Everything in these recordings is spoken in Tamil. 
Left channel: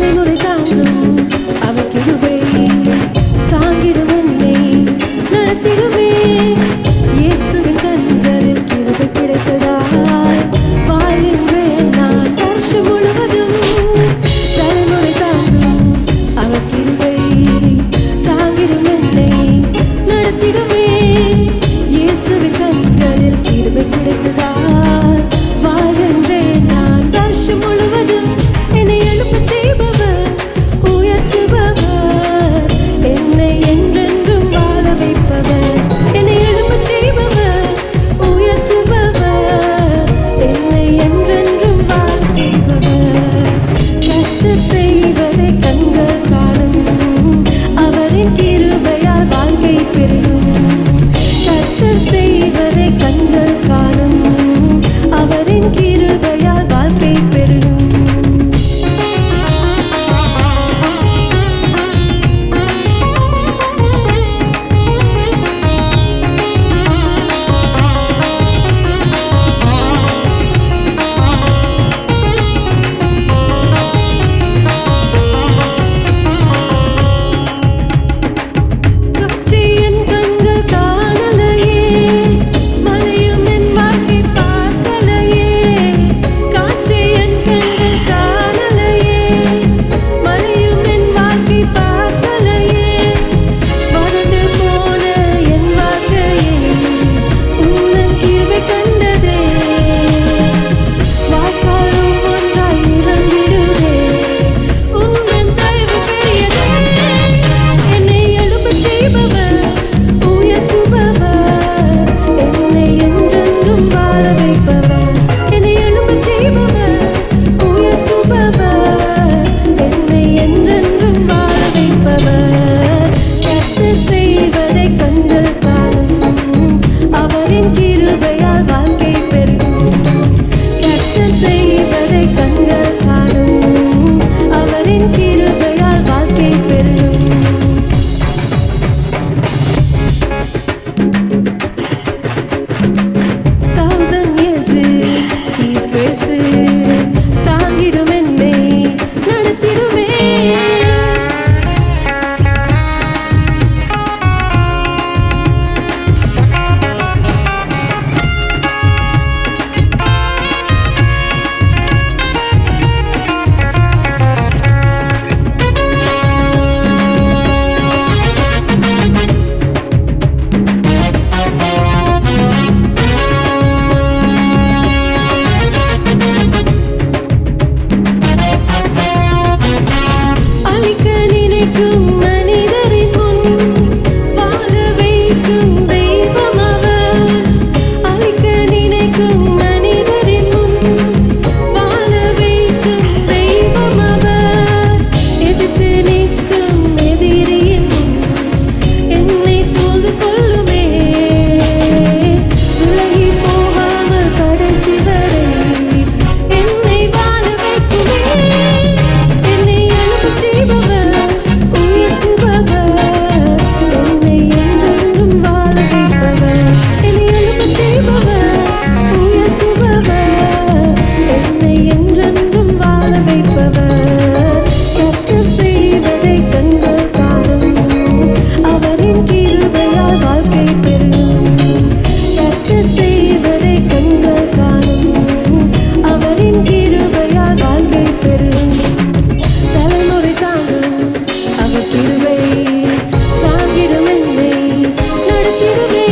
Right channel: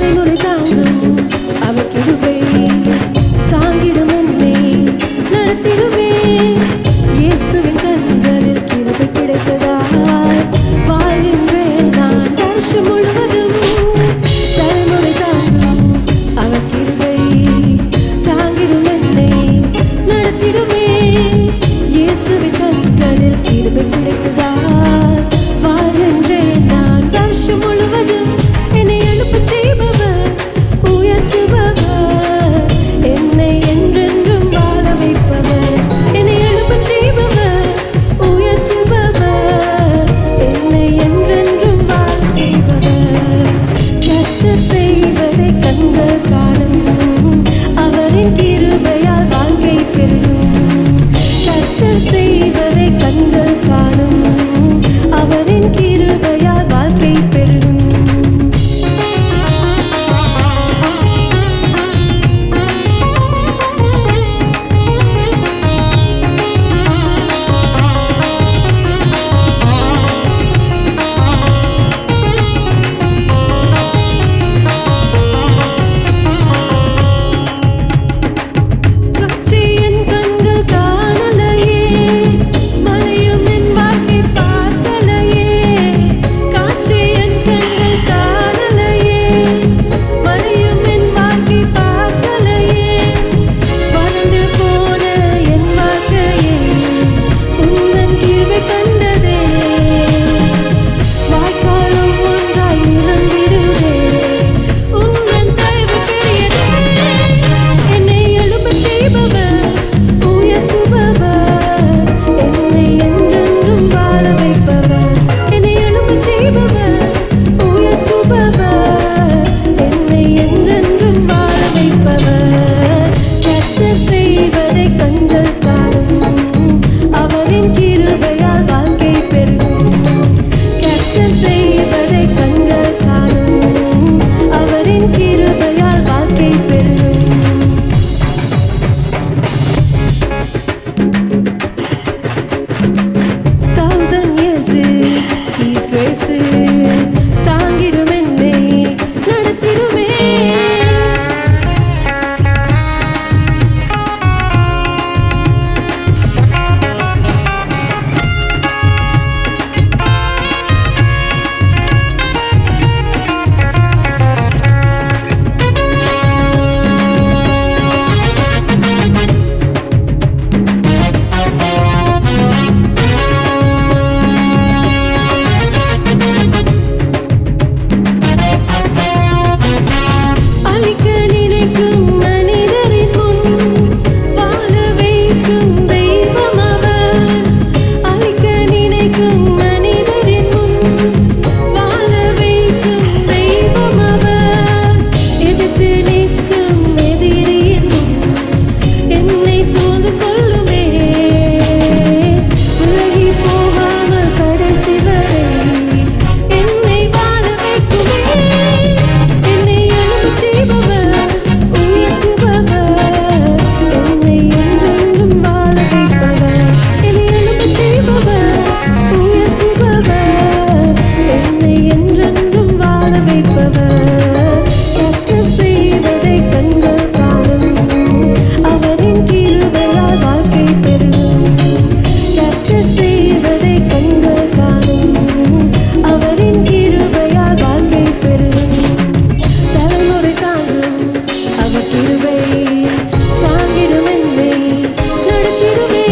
தலைமுறை தாங்கும் அவர் கிருபை தாங்கிடும் என்னை நடத்திடுமே. இயேசுவின் கண்களில் கிருபை கிடைத்ததால் வாழ்கின்றேன் நான் வருஷம் முழுவதும். தலைமுறை தாங்கும் அவர் கிருபை தாங்கிடும் என்னை நடத்திடுமே. இயேசுவின் கண்களில் கிருபை கிடைத்ததால் வாழ்கின்றேன் நான் வருஷம் முழுவதும். என்னை எழுப்ப செய்பவர் உயர்த்துபவர். என்னை என்றென்றும் வாழ வைப்பவர். என்னை எழுப்ப செய்பவர் உயர்த்துபவர். என்னை என்றென்றும் வாழ செய்பவர். கத்தர் செய்வதை கண்கள் காணும். அவரின் கிருபையால் வாழ்க்கை பெருகும். கத்தர் செய்வதை கண்கள் காணும். அவரின் கிருபையால் வாழ்க்கை பெருகும். காட்சி என் கண்கள் காணலையே. மலையும் என் வாழ்க்கை பார்க்கலையே. வறண்டு போன என் வாழ்க்கையை உந்தன் கிருபை கண்டதே. வாய்க்காலும் ஒன்றாய் நிரம்பிடுதே. உந்தன் தயவு பெரியதே. என்னை எழும்பச் செய்பவர் உயர்த்துபவர். என்னை என்றென்றும் வாழ வைப்பவர். செய்பவர் உயர்த்துபவர் என்னை என்றென்றும் வாழ வைப்பவர். கத்தர் செய்வதை கண்கள் காணும் அவரின் கிருபையால் வாழ்க்கை பெருகும். கத்தர் செய்வதை கண்கள் காணும் அவரின் கிருபையால் வாழ்க்கை பெருகும். தௌசண்ட் இயர்ஸ் ஹீஸ் கிரேஸ் தாங்கிடும் என்னை நடத்திடுமே. வைக்கும் மனிதரின் முன் வாழ வைக்கும் தெய்வம் அவர். அழிக்க நினைக்கும் மனிதரின் முன் வாழ வைக்கும் தெய்வம் அவர். எதிர்த்து நிற்கும் எதிரியின் முன் என்னை சூழ்ந்து கொள்ளுமே. விலகி போகாமல் கடைசி வரை என்னை வாழ வைக்குமே. என்னை எழும்பு செய்பவர் உயர்த்துபவர். என்னை என்றென்றும் வாழ வைப்பவர். என்னை எழுப்ப செய்பவர். உயர்த்துபவர். என்னை என்றென்றும் வாழ வைப்பவர். கத்தர் செய்வதை கண்கள் காணும். அவரின் கிருபையால் வாழ்க்கை பெருகும். கத்தர் செய்வதை கண்கள் காணும். அவரின் கிருபையால் வாழ்க்கை பெறும் தலைமுறை தாங்கும். அவர் கிருபை தாங்கிடும் என்னை நடத்திடுமே.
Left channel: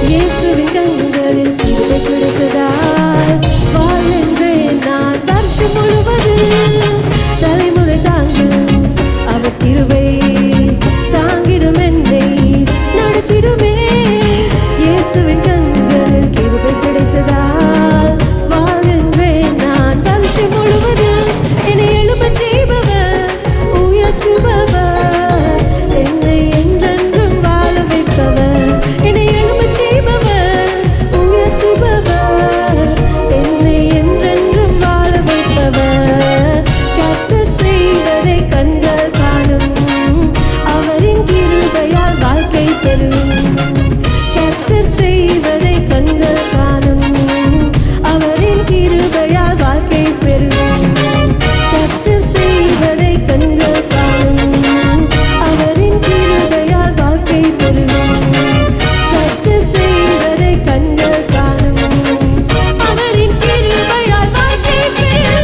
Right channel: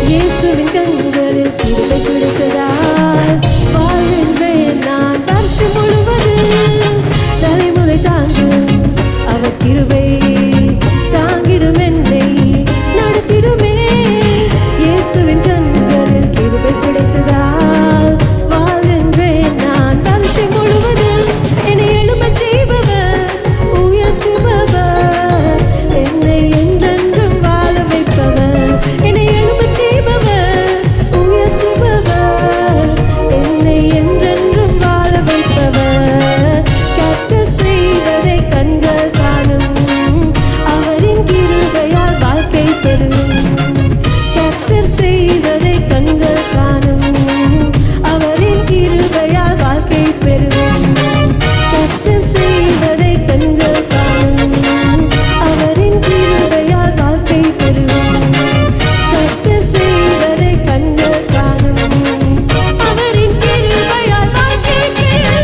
இயேசுவின் கண்களில் கிருபை கிடைத்ததால் வாழ்கின்றேன் நான். வருஷம் முழுவதும் தலைமுறை தாங்கும் அவர் கிருபை தாங்கிடும் என்னை நடத்திடுமே. இயேசுவின் கண்களில் கிருபை கிடைத்ததால் வாழ்கின்றேன் நான். வருஷம் முழுவதும் என்னை எழுப்பச் செய்பவர் உயர்த்துபவர். என்னை என்றென்றும் வாழ வைப்பவர். என்னை எழுப்ப செய்பவர். உயர்த்துபவர். என்னை என்றென்றும் வாழ வைப்பவர். கத்த செய்வதை கண்கள் காணும். அவரின் கிருபையால் வாழ்க்கை பெறும். கத்தர் செய்வதை கண்கள் காணும். அவரின் கிருபையால் வாழ்க்கை பெறும். கத்தர் செய்வதை கண்கள் காணும். அவரின் கிருபையால் வாழ்க்கை பெருகும். கத்தர் செய்வதை கண்கள் காணும். அவரின் கிருபையால் வாழ்க்கை பெருகும்.